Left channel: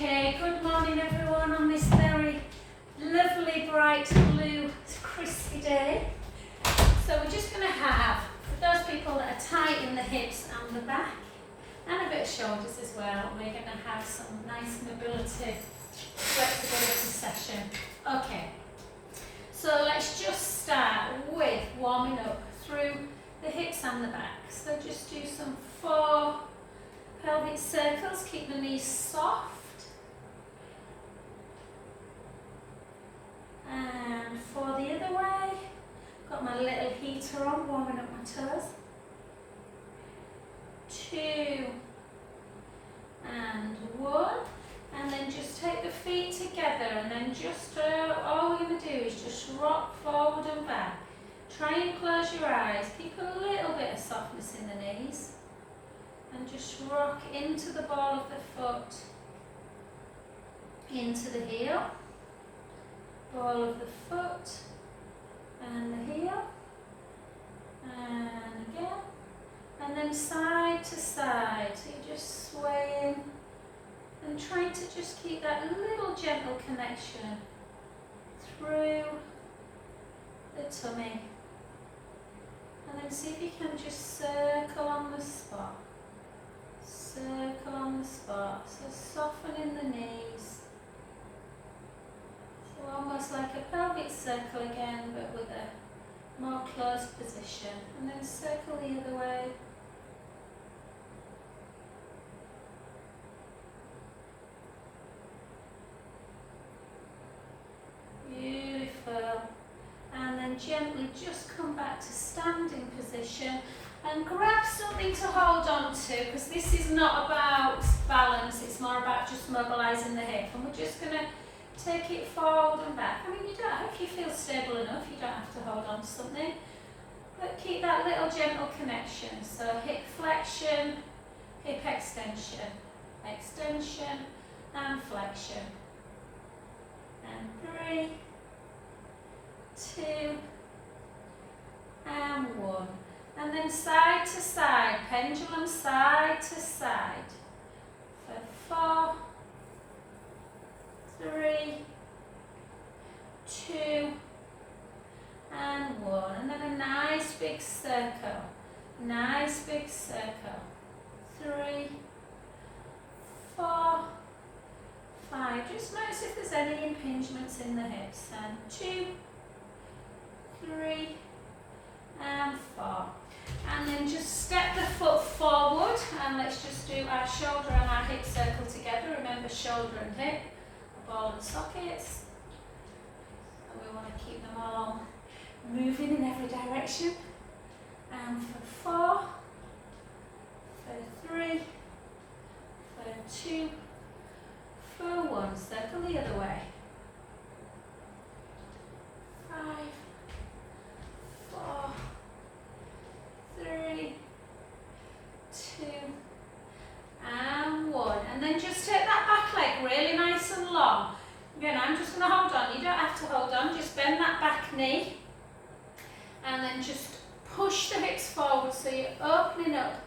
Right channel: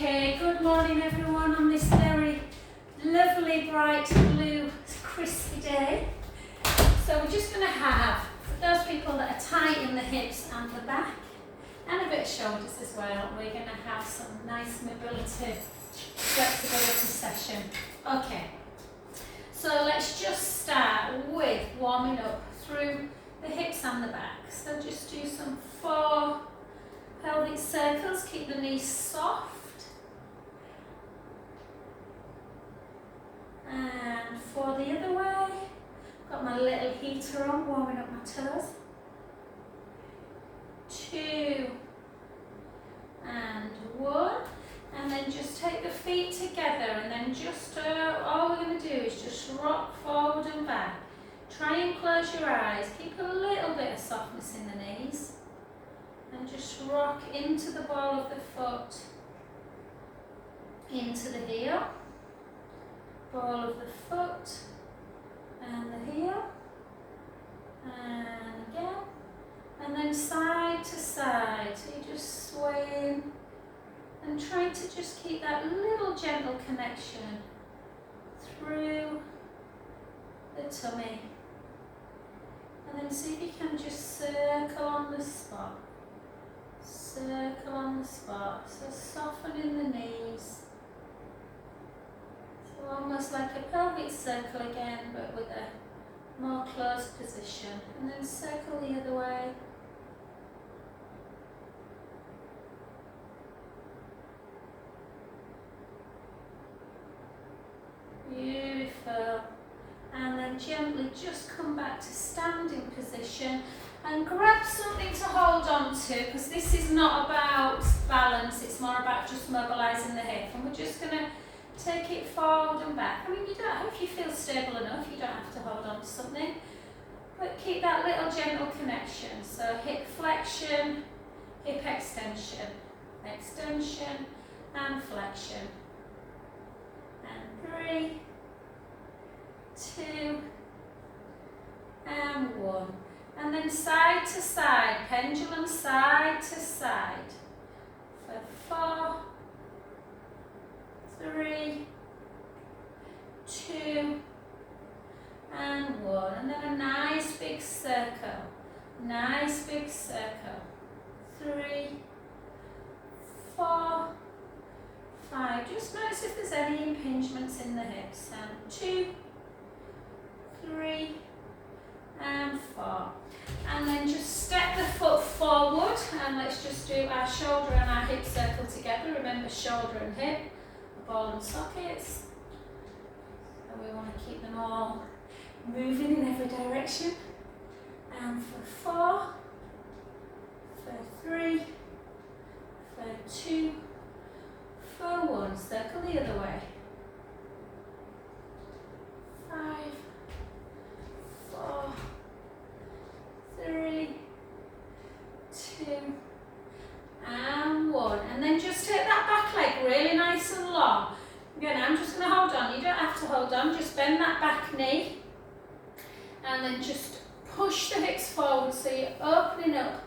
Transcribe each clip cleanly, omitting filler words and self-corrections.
Okay, good morning everyone on this very lovely, bright, blue, crispy day. So we're just going to have, for those people that are tight in the hips and the back, and a bit of shoulders as well, we're going to have some nice mobility, flexibility session. Okay, so let's just start with warming up through the hips and the back. So just do some 4 pelvic circles, keep the knees soft. And 4 the other way. Got my little heater on, warming up my toes. 2 and 1. And then just take the feet together and then just, all we're going to do is just rock forward and back. Try and close your eyes, keep a little bit of softness in the knees. And just rock into the ball of the foot, into the heel. Ball of the foot and the heel, and again, and then side to side, so you're just swaying and trying to just keep that little gentle connection through the tummy, and then see if you can just circle on the spot, so softening the knees. Almost like a pelvic circle again, but with a more closed position. And then circle the other way. Beautiful. And then gently just come back to standing position and grab something to hold on to, because this is not about balance, it's more about just mobilising the hip. And we're just going to take it forward and back. I mean, you don't, if you feel stable enough, you don't have to hold on to something, but keep that little gentle connection. So hip flexion, hip extension, extension and flexion. And 3, 2 and 1. And then side to side, pendulum side to side for 4, 3, 2 and 1, and then a nice big circle, 3, 4, 5, just notice if there's any impingements in the hips, and 2, 3 and 4, and then just step the foot forward, and let's just do our shoulder and our hip circle together. Remember, shoulder and hip, ball and sockets, and we want to keep them all moving in every direction. And for 4, for 3, for 2, for 1, circle the other way. 5, 4, 3, 2 and 1, and then just take that back leg really nice and long. Again, I'm just going to hold on, you don't have to hold on, just bend that back knee and then just push the hips forward, so you're opening up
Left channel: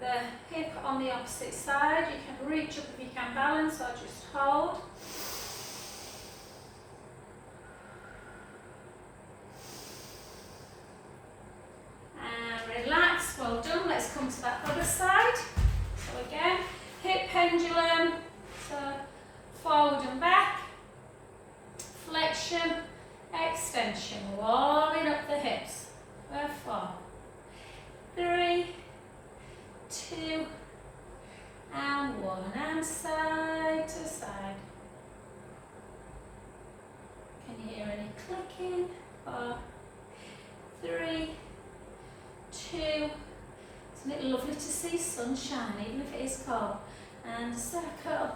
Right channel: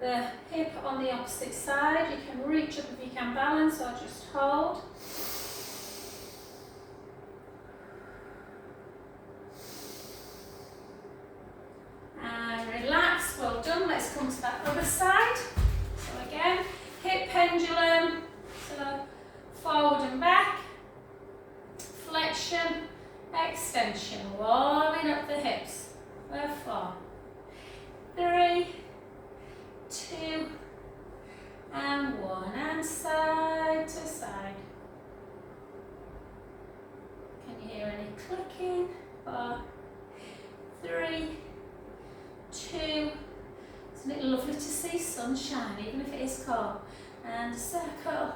the hip on the opposite side. You can reach up if you can balance, or just hold. And relax, well done. Let's come to that other side. So again, hip pendulum, so forward and back, flexion, extension, warming up the hips. We're 4, 3, 2 and 1, and side to side. Can you hear any clicking? 4, 3, 2. Isn't it lovely to see sunshine, even if it is cold? And circle.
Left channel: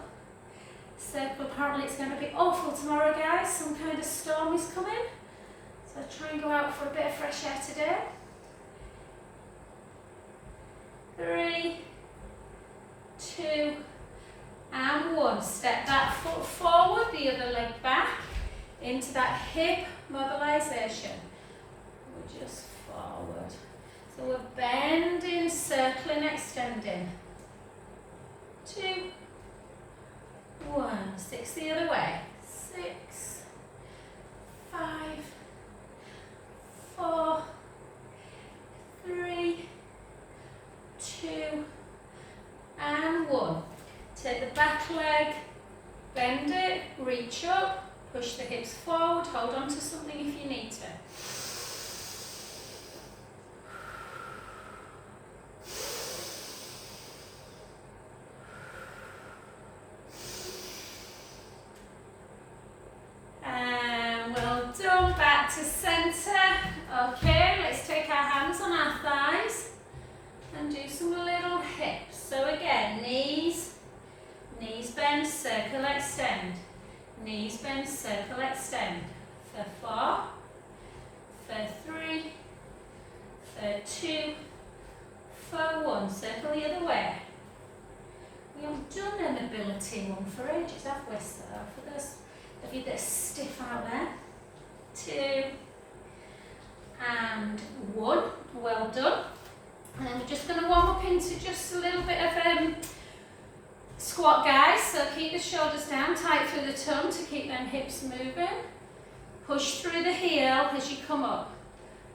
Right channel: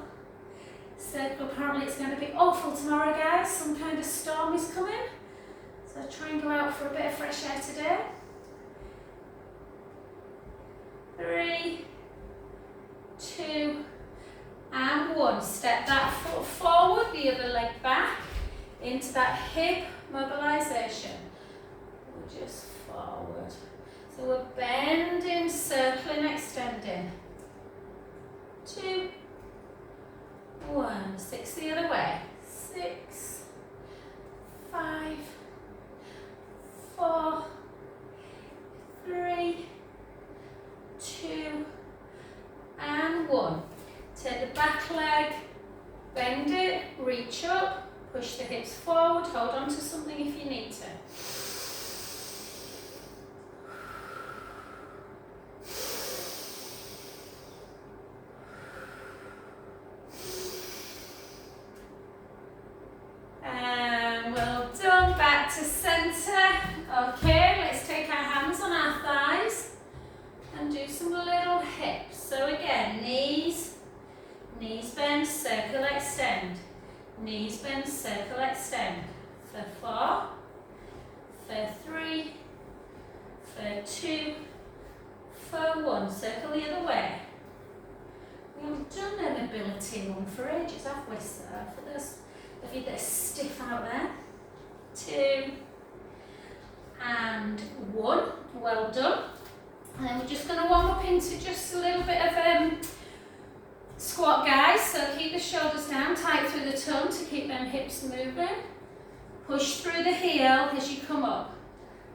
Circle. Apparently it's going to be awful tomorrow, guys. Some kind of storm is coming. So try and go out for a bit of fresh air today. 3, 2 and 1. Step that foot forward, the other leg back into that hip mobilisation. We're just forward. So we're bending, circling, extending. 2, 1. 6 the other way. 6, 5, 4, 3, 2, and 1. Take the back leg, bend it, reach up, push the hips forward, hold on to something if you need to. And well done, back to centre. Okay, let's take our hands on our thighs and do some little hips. So again, knees bend, circle, extend. Knees bend, circle, extend. For 4, for 3, for 2, for 1. Circle the other way. We haven't done a mobility one for ages, have we? So for those of you that are stiff out there. 2 and 1. Well done. And then we're just going to warm up into just a little bit of squat, guys. So keep the shoulders down, tight through the tongue to keep them hips moving. Push through the heel as you come up.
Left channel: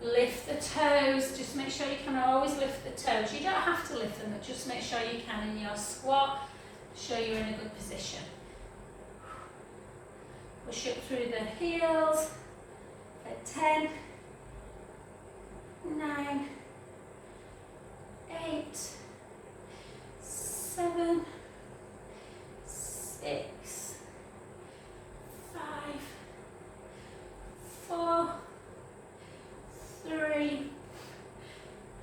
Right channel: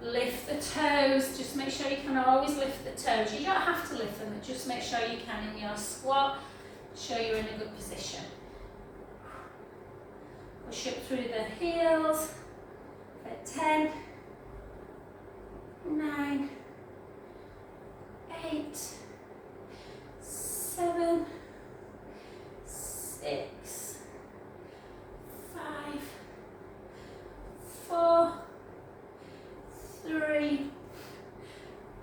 Lift the toes. Just make sure you can always lift the toes. You don't have to lift them, but just make sure you can in your squat. Show you're in a good position. Push up through the heels. For 10, 9, 8, 7, 6, 5, 4, 3,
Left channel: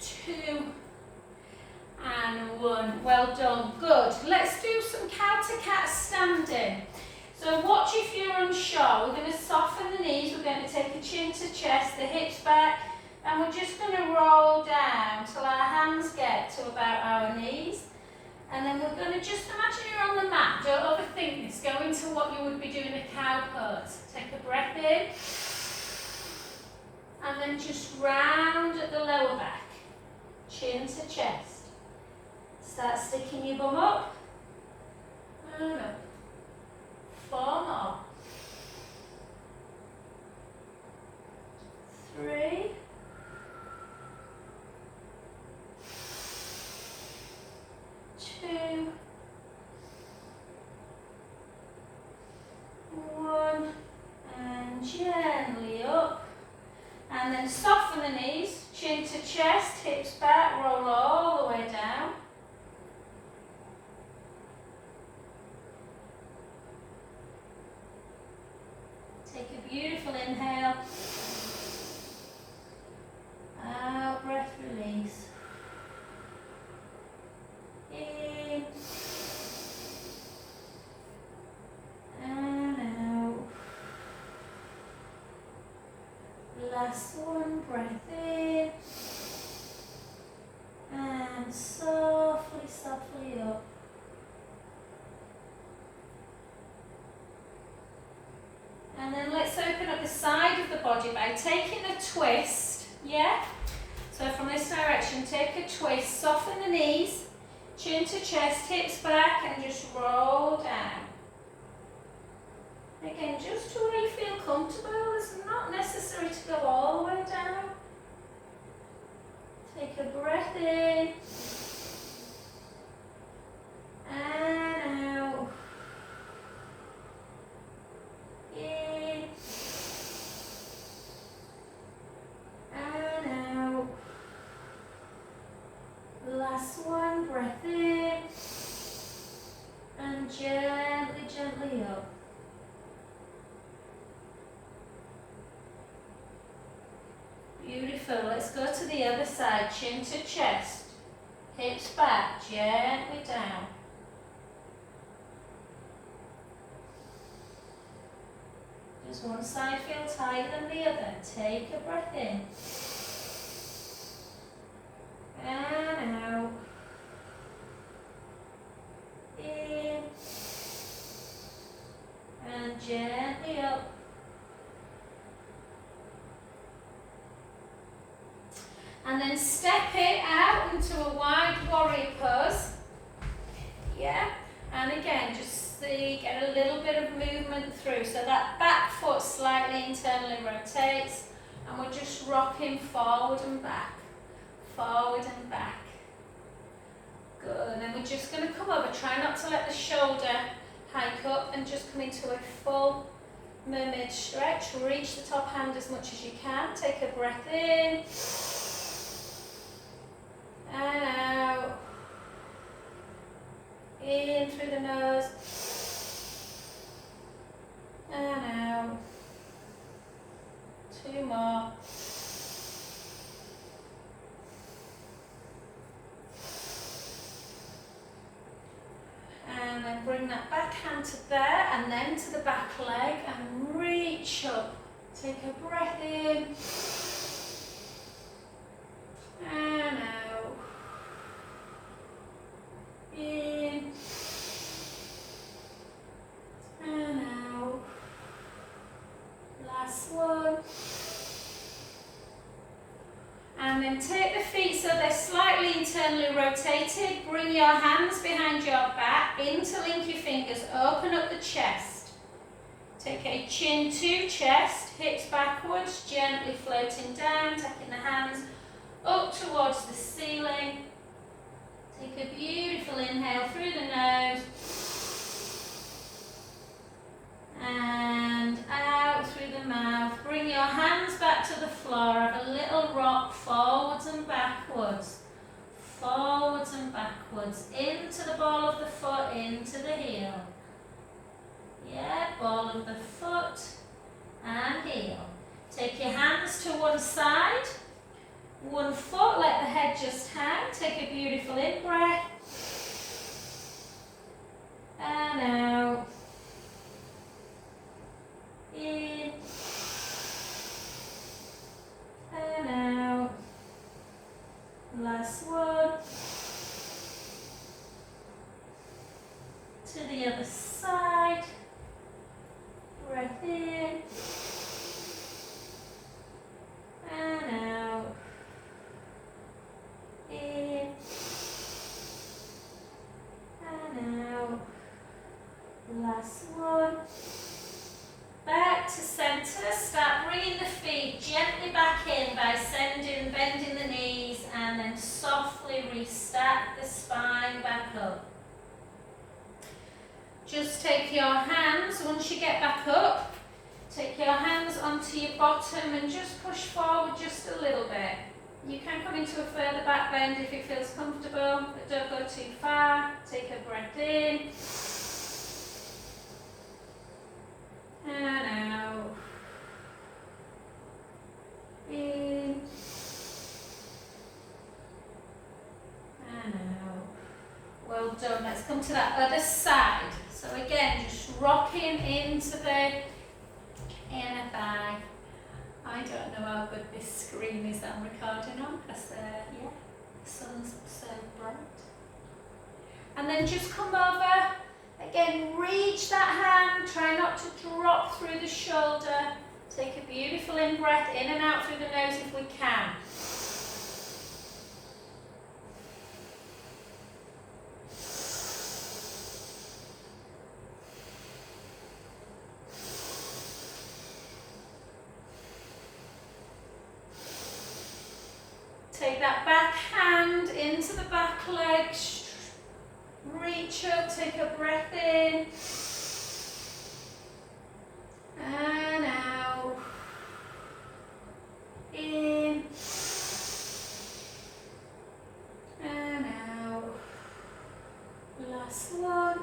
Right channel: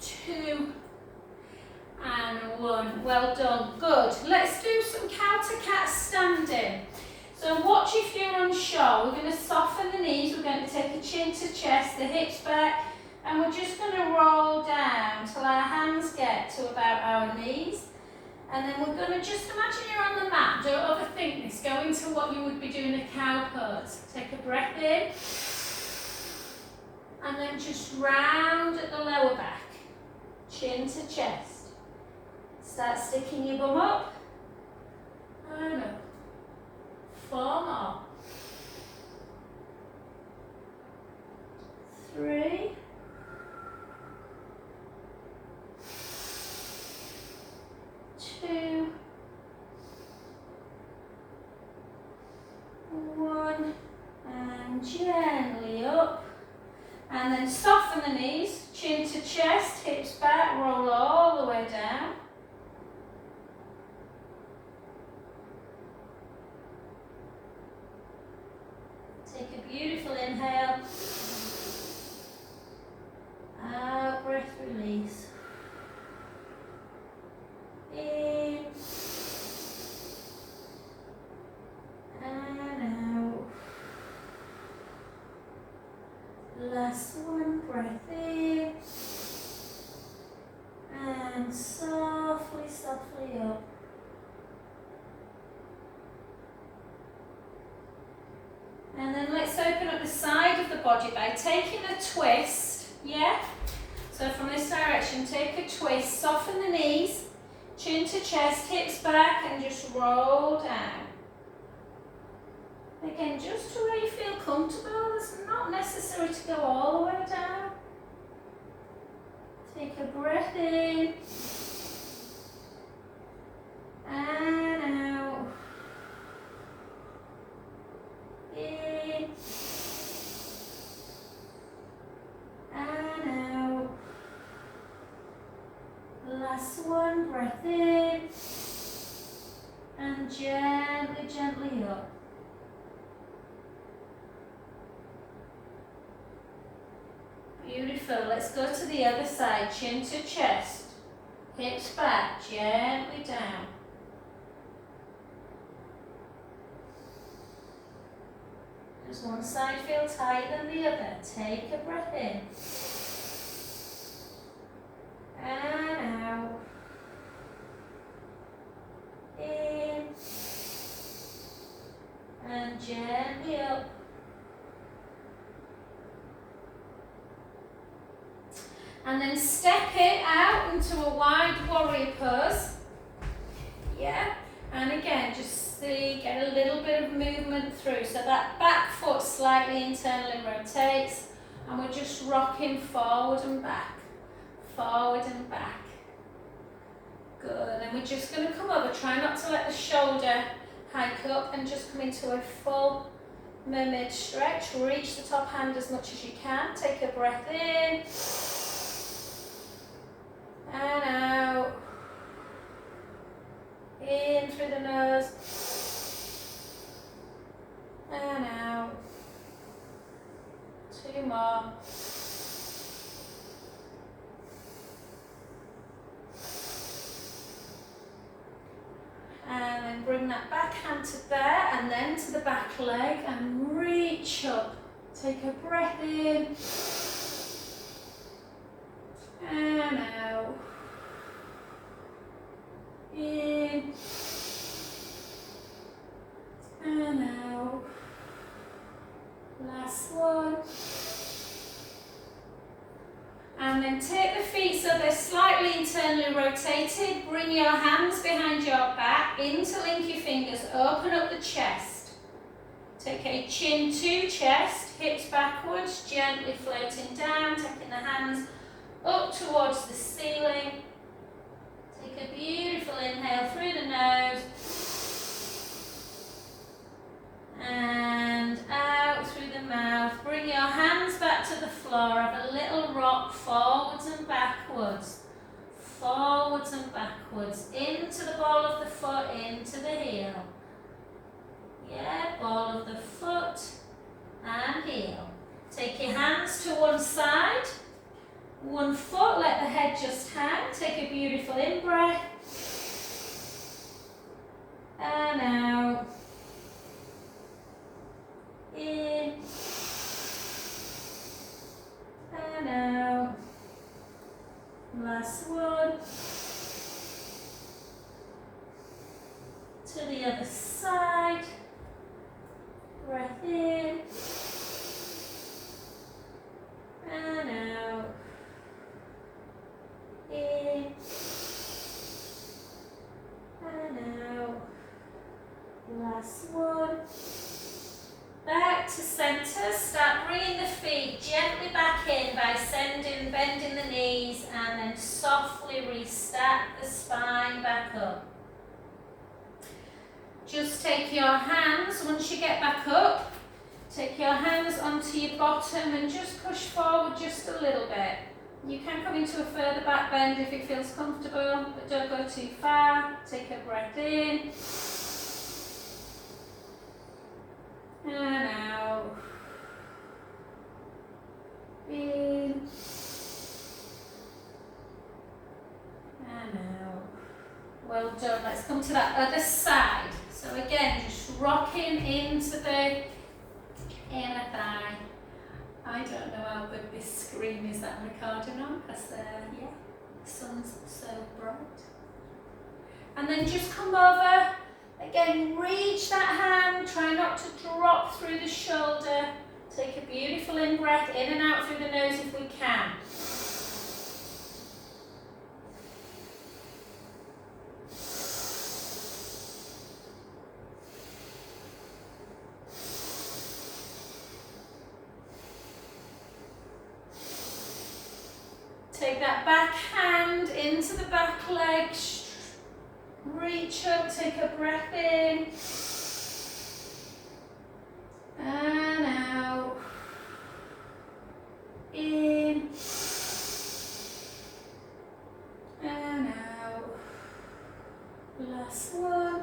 2, and 1. Well done. Good. Let's do some counter cat standing. So watch if you're unsure. We're going to soften the knees. We're going to take a chin to chest, the hips back, and we're just going to roll down till our hands get to about our knees. And then we're going to just imagine you're on the mat. Don't overthink this. Go into what you would be doing a cow pose. Take a breath in. And then just round at the lower back. Chin to chest. Start sticking your bum up. And up. 4 more. 3. 2. 1. And gently up. And then soften the knees, chin to chest, hips back, roll all the way down. Take a beautiful inhale. Out, breath release. In. And out. Last one, breath in. And softly, softly up. And then let's open up the side of the body by taking a twist, yeah? So from this direction, take a twist, soften the knees, chin to chest, hips back, and just roll down. Again, just to where you feel comfortable. It's not necessary to go all the way down. Take a breath in. And out. In. And out. Last one, breath in. And gently, gently up. Beautiful. Let's go to the other side. Chin to chest. Hips back. Gently down. Does one side feel tighter than the other? Take a breath in. And out. In. And gently up. And then step it out into a wide warrior pose. Yeah. And again, just See, get a little bit of movement through. So that back foot slightly internally rotates, and we're just rocking forward and back, forward and back. Good, and then we're just going to come over. Try not to let the shoulder hike up, and just come into a full mermaid stretch. Reach the top hand as much as you can. Take a breath in and out. In through the nose and out. 2 more. And then bring that back hand to there, and then to the back leg, and reach up. Take a breath in and out. In and out. Last one. And then take the feet so they're slightly internally rotated. Bring your hands behind your back, interlink your fingers, open up the chest. Take a chin to chest, hips backwards, gently floating down, taking the hands up towards the ceiling. Take a beautiful inhale through the nose and out through the mouth. Bring your hands back to the floor. Have a little rock forwards and backwards. Forwards and backwards. Into the ball of the foot, into the heel. Yeah, ball of the foot and heel. Take your hands to one side. One foot, let the head just hang. Take a beautiful in-breath. And out. In. And out. Last one. To the other side. Breath in. And out. In and out. Last one. Back to center. Start bringing the feet gently back in by bending the knees, and then softly restack the spine back up. Just take your hands, once you get back up, take your hands onto your bottom and just push forward just a little bit. You can come into a further back bend if it feels comfortable, but don't go too far. Take a breath in and out. In and out. Well done. Let's come to that other side. So again, just rocking into the inner thigh. I don't know how good this screen is that I'm recording on, because yeah, the sun's so bright. And then just come over, again, reach that hand, try not to drop through the shoulder. Take a beautiful in-breath, in and out through the nose if we can. Take that back hand into the back leg, reach up, take a breath in and out, in and out. Last one.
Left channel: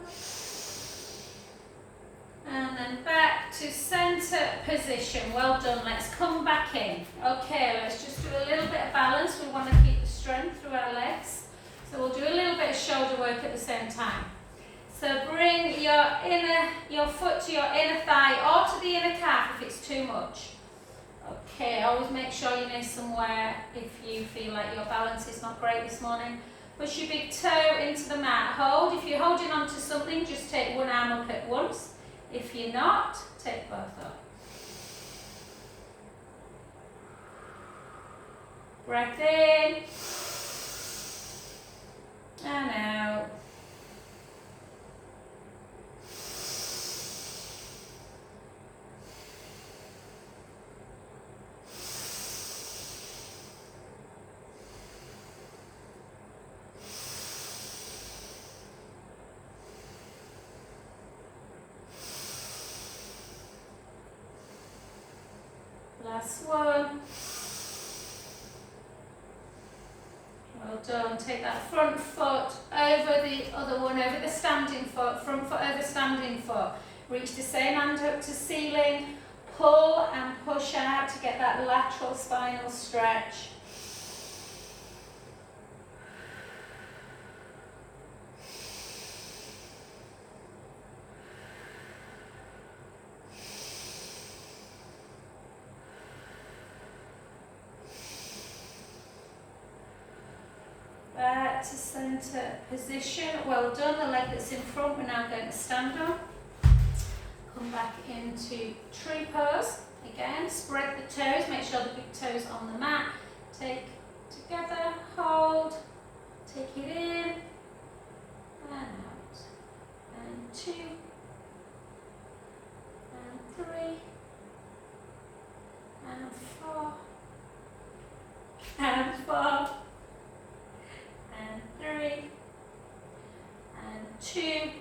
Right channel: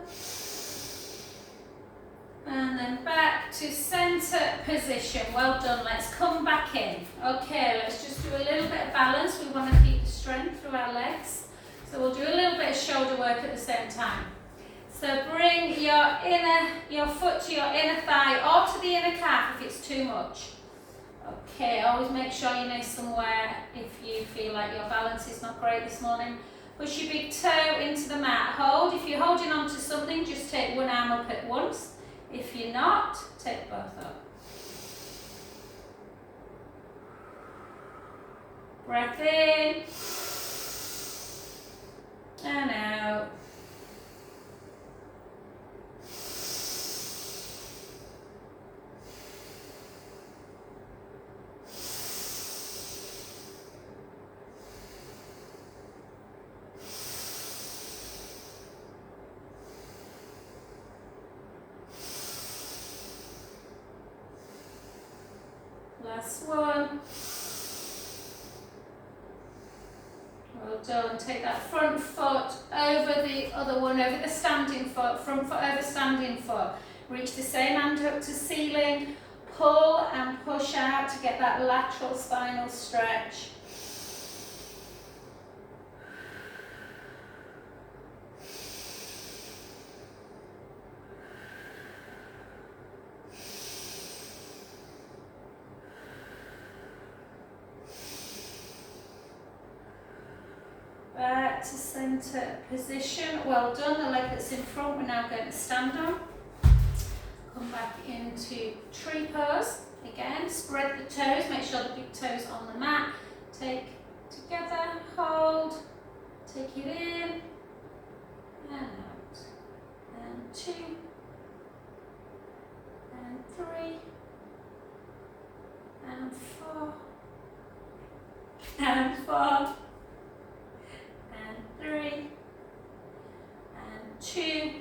And then back to center position. Well done. Let's come back in. Okay, let's just do a little bit of balance. We want to keep the strength through our legs. So we'll do a little bit of shoulder work at the same time. So bring your foot to your inner thigh or to the inner calf if it's too much. Okay, always make sure you know somewhere if you feel like your balance is not great this morning. Push your big toe into the mat. Hold. If you're holding on to something, just take one arm up at once. If you're not, take both up. Breath in and out. Last one. Well done. Take that front foot over the other one, over the standing foot, front foot over standing foot. Reach the same hand up to ceiling. Pull and push out to get that lateral spinal stretch. Back to centre position. Well done. The leg that's in front we're now going to stand on. Come back into tree pose. Again, spread the toes. Make sure the big toes on the mat. Take together, hold. Take it in and out. And 2 and 3 and 4 and 4. 3 and 2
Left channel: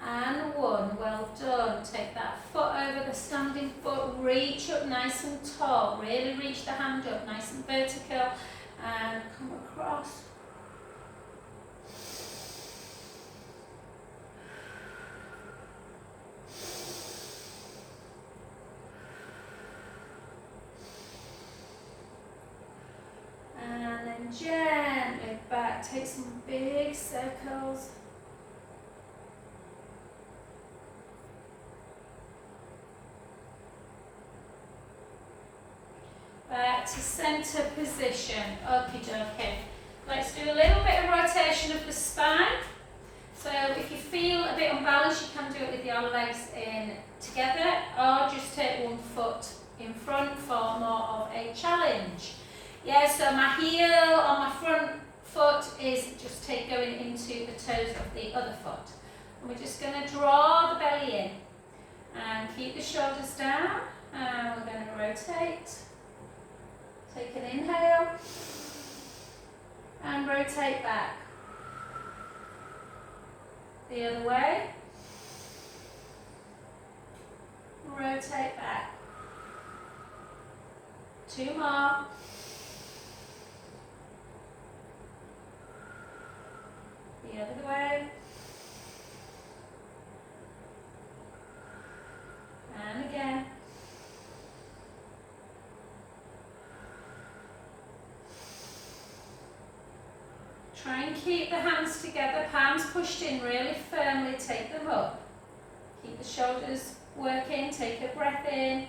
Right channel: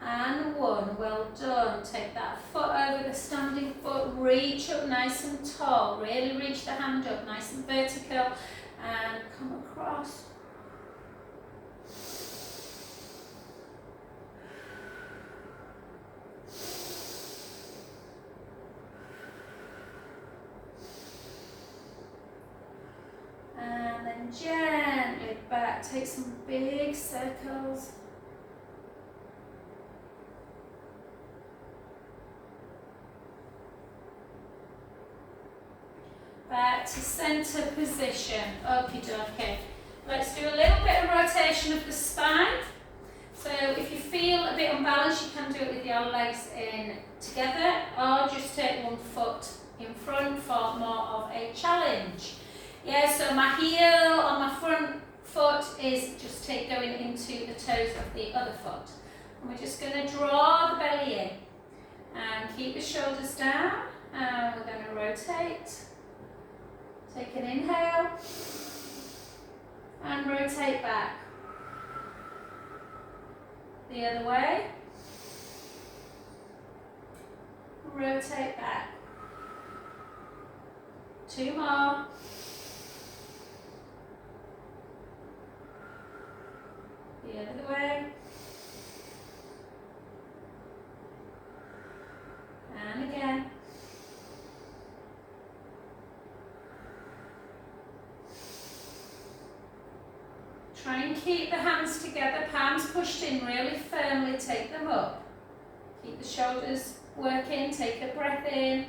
and 1. Well done. Take that foot over the standing foot, reach up nice and tall, really reach the hand up nice and vertical and come across. And then gently back, take some big circles. Back to centre position. Okie dokie. Let's do a little bit of rotation of the spine. So if you feel a bit unbalanced, you can do it with your legs in together, or just take one foot in front for more of a challenge. Yeah, so my heel on my front foot is just going into the toes of the other foot. And we're just going to draw the belly in and keep the shoulders down. And we're going to rotate. Take an inhale and rotate back. The other way. Rotate back. 2 more. The other way. And again. Try and keep the hands together, palms pushed in really firmly, take them up. Keep the shoulders working, take a breath in.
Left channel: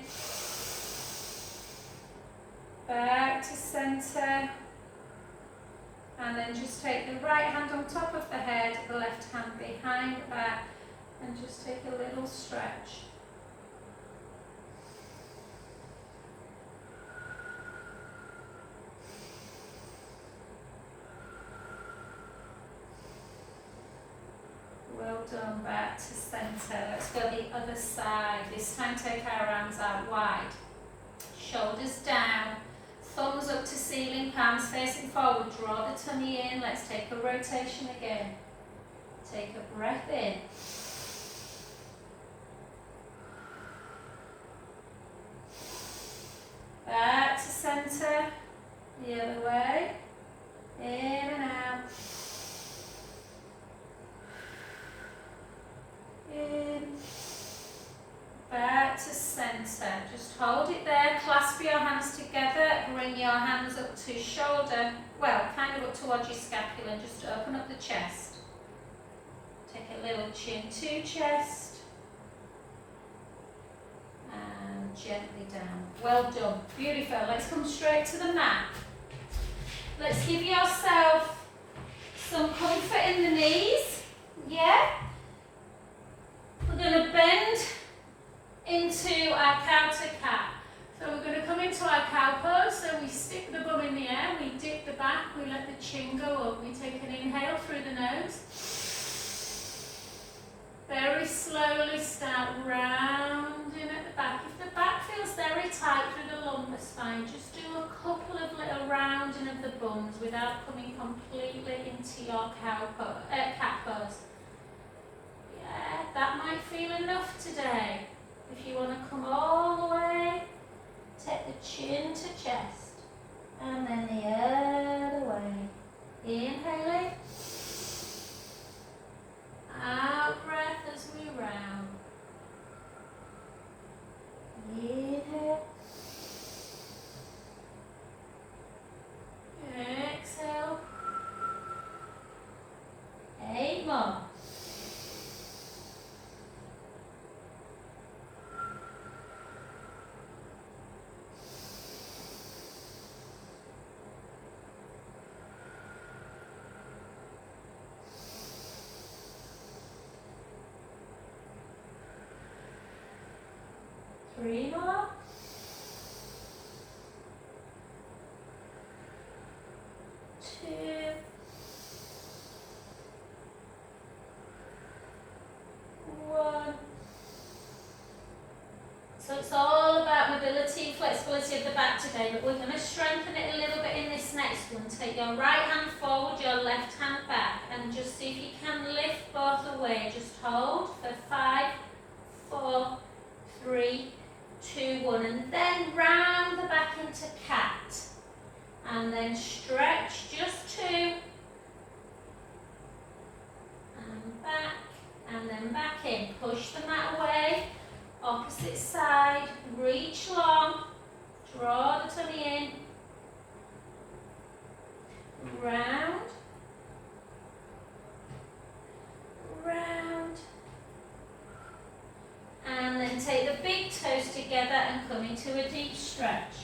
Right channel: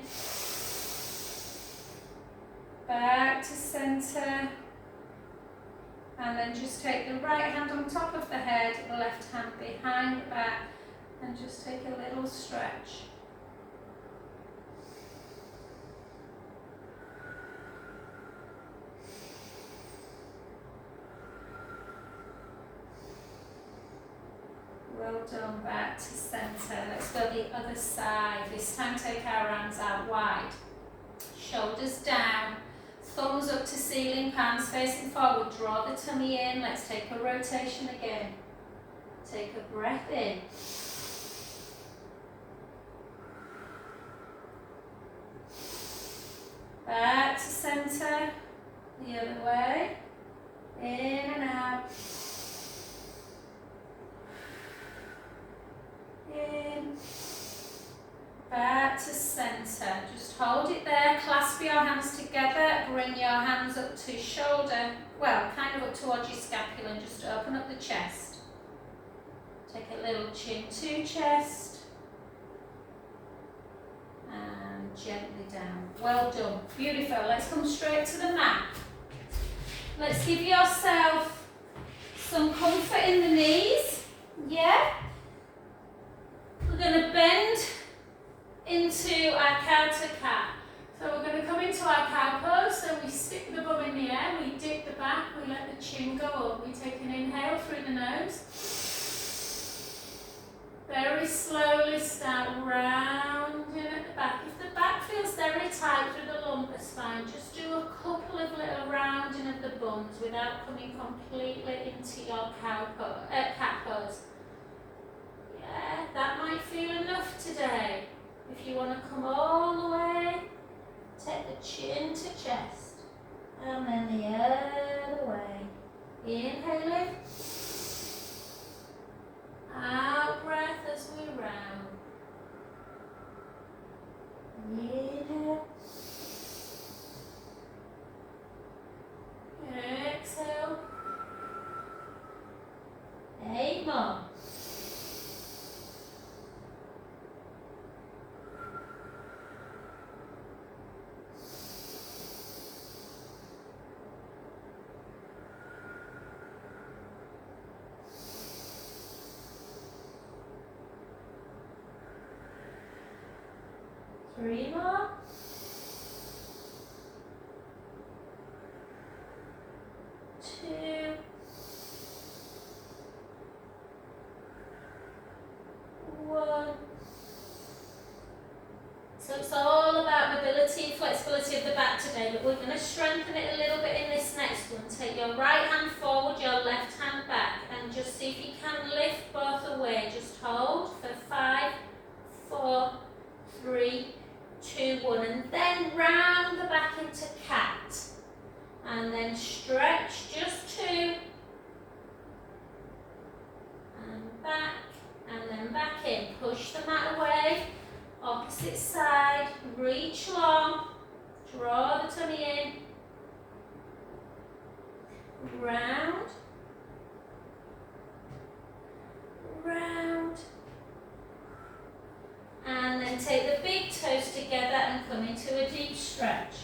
Back to centre. And then just take the right hand on top of the head, the left hand behind the back, and just take a little stretch. Well done, back to centre. Let's go the other side. This time take our arms out wide. Shoulders down. Thumbs up to ceiling, palms facing forward. Draw the tummy in. Let's take a rotation again. Take a breath in. Back to centre. The other way. In and out. In. Back to centre. Just hold it there. Clasp your hands together. Bring your hands up to shoulder. Well, kind of up towards your scapula and just open up the chest. Take a little chin to chest. And gently down. Well done. Beautiful. Let's come straight to the mat. Let's give yourself some comfort in the knees. Yeah? We're going to bend into our cow to cat. So we're going to come into our cow pose. So we stick the bum in the air, we dip the back, we let the chin go up. We take an inhale through the nose. Very slowly start rounding at the back. If the back feels very tight through the lumbar spine, just do a couple of little rounding of the bums without coming completely into your cat pose. Yeah, that might feel enough today. If you want to come all the way 3 more. 2. 1. So it's all about mobility and flexibility of the back today, but we're going to strengthen it a little bit in this next one. Take your right hand forward, your left hand back, and just see if you can lift both away. Just hold for 5, 4, 3, 2, 1, and then round the back into cat. And then stretch, just 2. And back, and then back in. Push the mat away. Opposite side, reach long, draw the tummy in, round, round, and then take the big toes together and come into a deep stretch.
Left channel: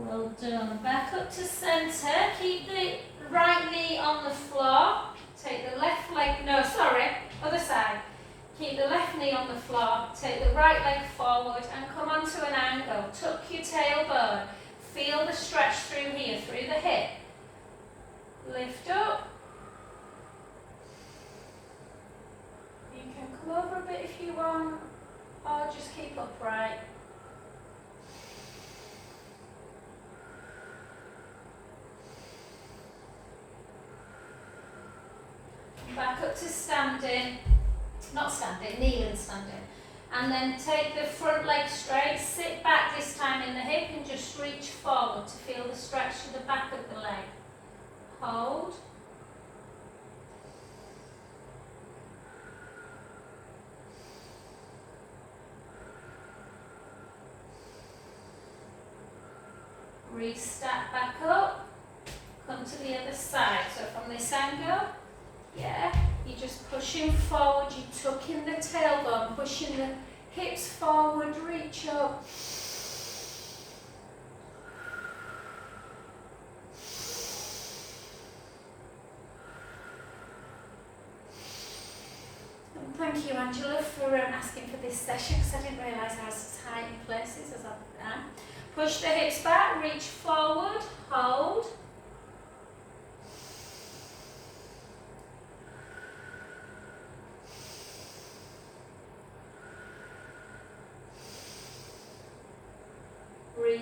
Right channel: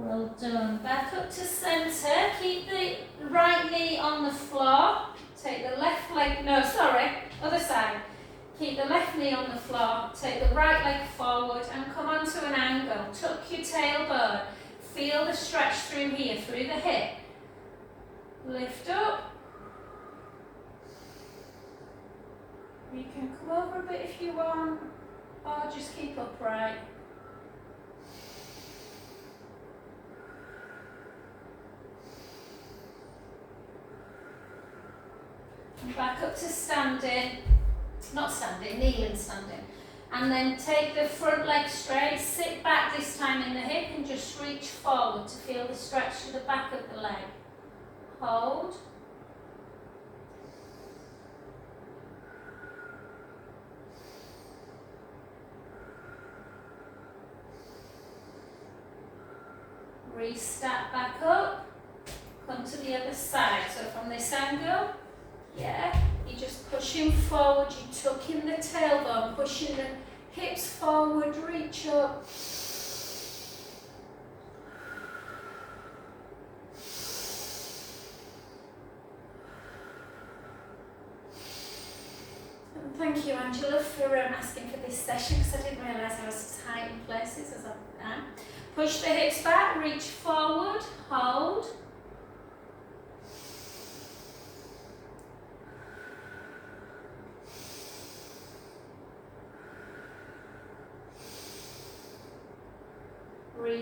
Well done. Back up to centre. Keep the right knee on the floor. Take the left leg, no, sorry, other side. Keep the left knee on the floor. Take the right leg forward and come onto an angle. Tuck your tailbone. Feel the stretch through here, through the hip. Lift up. You can come over a bit if you want, or just keep upright. Back up to standing, not standing, kneeling standing. And then take the front leg straight, sit back this time in the hip and just reach forward to feel the stretch to the back of the leg. Hold. Restart back up, come to the other side. So from this angle, yeah, you're just pushing forward, you're tucking the tailbone, pushing the hips forward, reach up. And thank you, Angela, for asking for this session, because I didn't realise I was tight in places as I am. Push the hips back, reach forward, hold.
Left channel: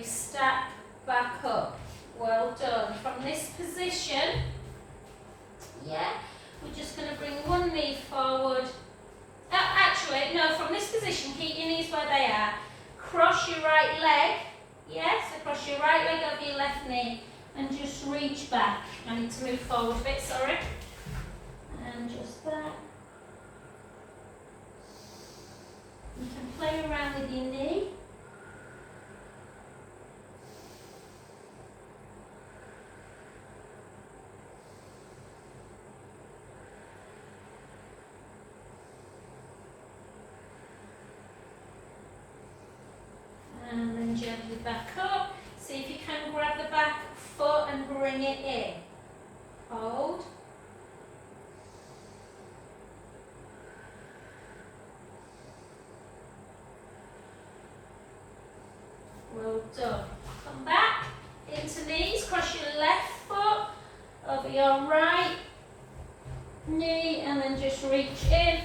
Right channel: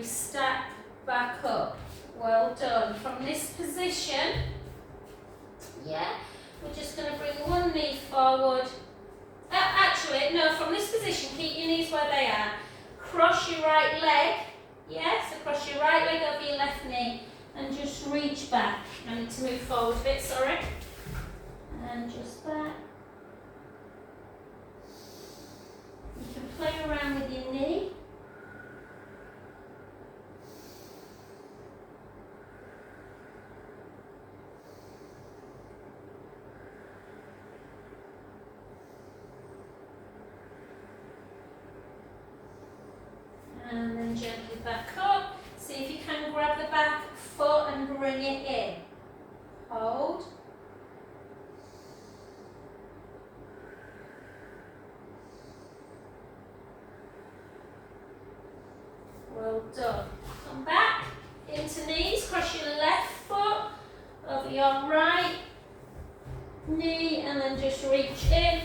Step back up. Well done. From this position, yeah, we're just going to bring one knee forward. Actually, no, from this position, keep your knees where they are. Cross your right leg, yeah, so cross your right leg over your left knee and just reach back. I need to move forward a bit, sorry. And just back. You can play around with your knee. And then gently back up. See if you can grab the back foot and bring it in. Hold. Well done. Come back into knees. Cross your left foot over your right knee and then just reach in.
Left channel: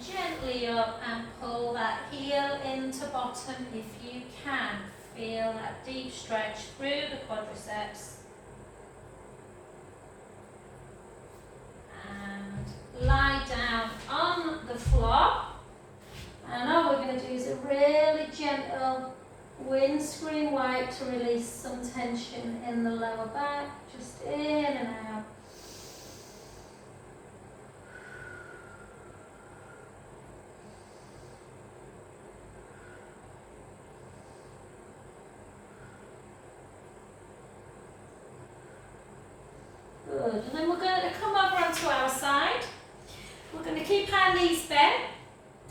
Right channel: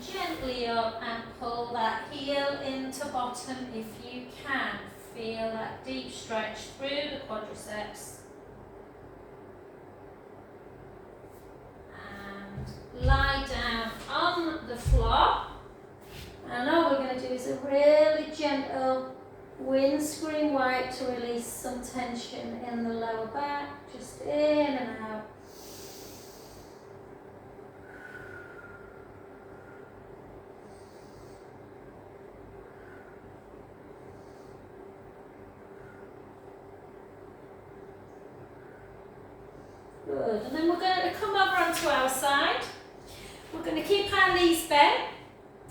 Gently up and pull that heel into bottom if you can. Feel that deep stretch through the quadriceps. And lie down on the floor. And all we're going to do is a really gentle windscreen wipe to release some tension in the lower back. Just in and out. Good. And then we're going to come over onto our side. We're going to keep our knees bent,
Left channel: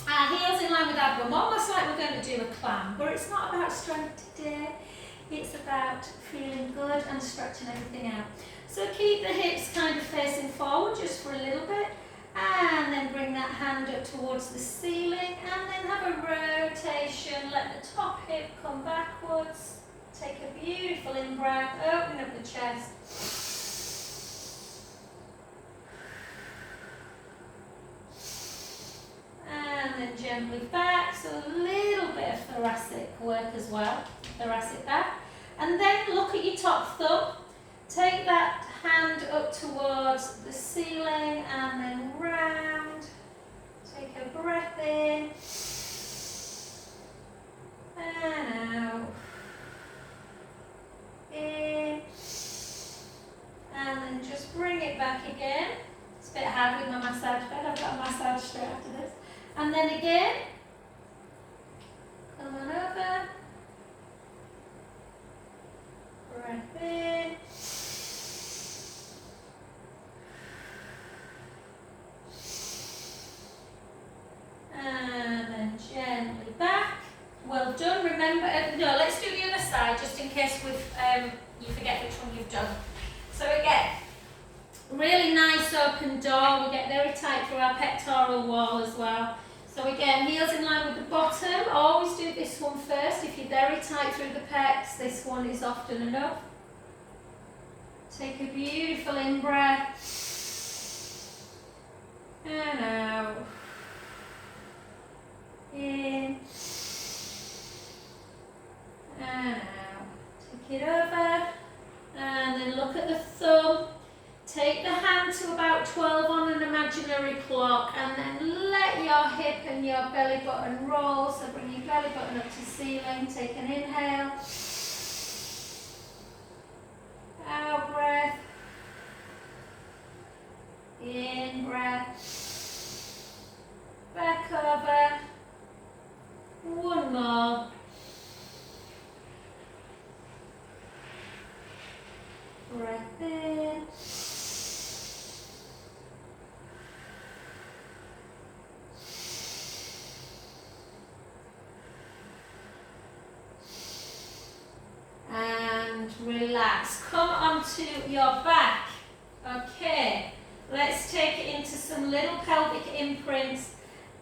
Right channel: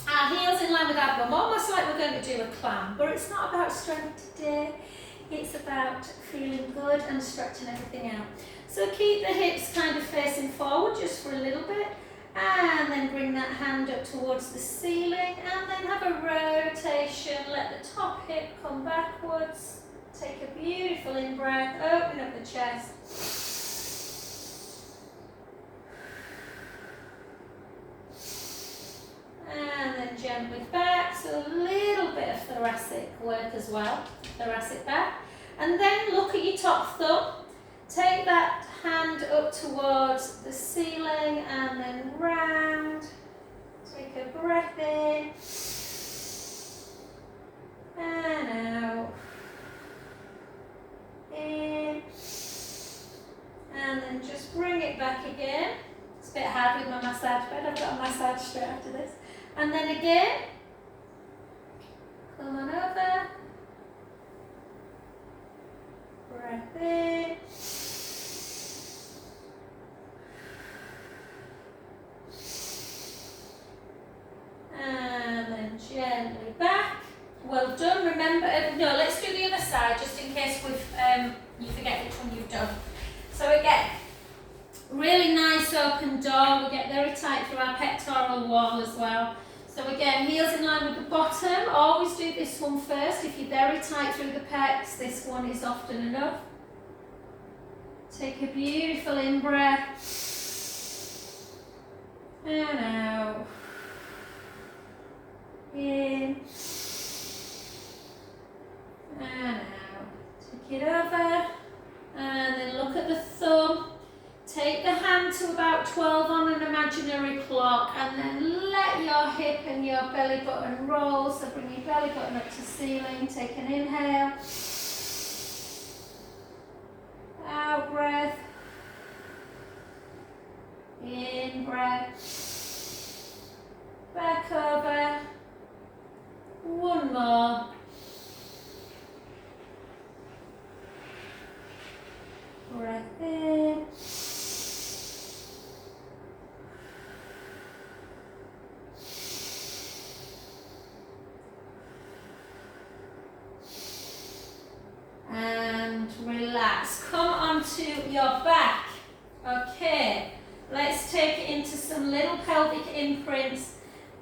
our heels in line with our bum, almost like we're going to do a clam. But it's not about strength today. It's about feeling good and stretching everything out. So keep the hips kind of facing forward just for a little bit. And then bring that hand up towards the ceiling. And then have a rotation. Let the top hip come backwards. Take a beautiful in-breath. Open up the chest. And then gently back, so a little bit of thoracic work as well, thoracic back. And then look at your top thumb, take that hand up towards the ceiling and then round. Take a breath in and out. In and then just bring it back again. It's a bit hard with my massage bed, I've got a massage straight after this. And then again, come on over, breath in, and then gently back. Well done. Remember, no, let's do the other side just in case you forget which one you've done. So again, really nice open door. We get very tight through our pectoral wall as well. So again, heels in line with the bottom. Always do this one first. If you're very tight through the pecs, this one is often enough. Take a beautiful in-breath. And out. In. And out. Take it over. And then look at the thumb. Take the hand to about 12 on an imaginary clock and then let your hip and your belly button roll. So bring your belly button up to ceiling. Take an inhale. Out breath. In breath. Back over. One more. Breath in. And relax. Come onto your back. Okay, let's take it into some little pelvic imprints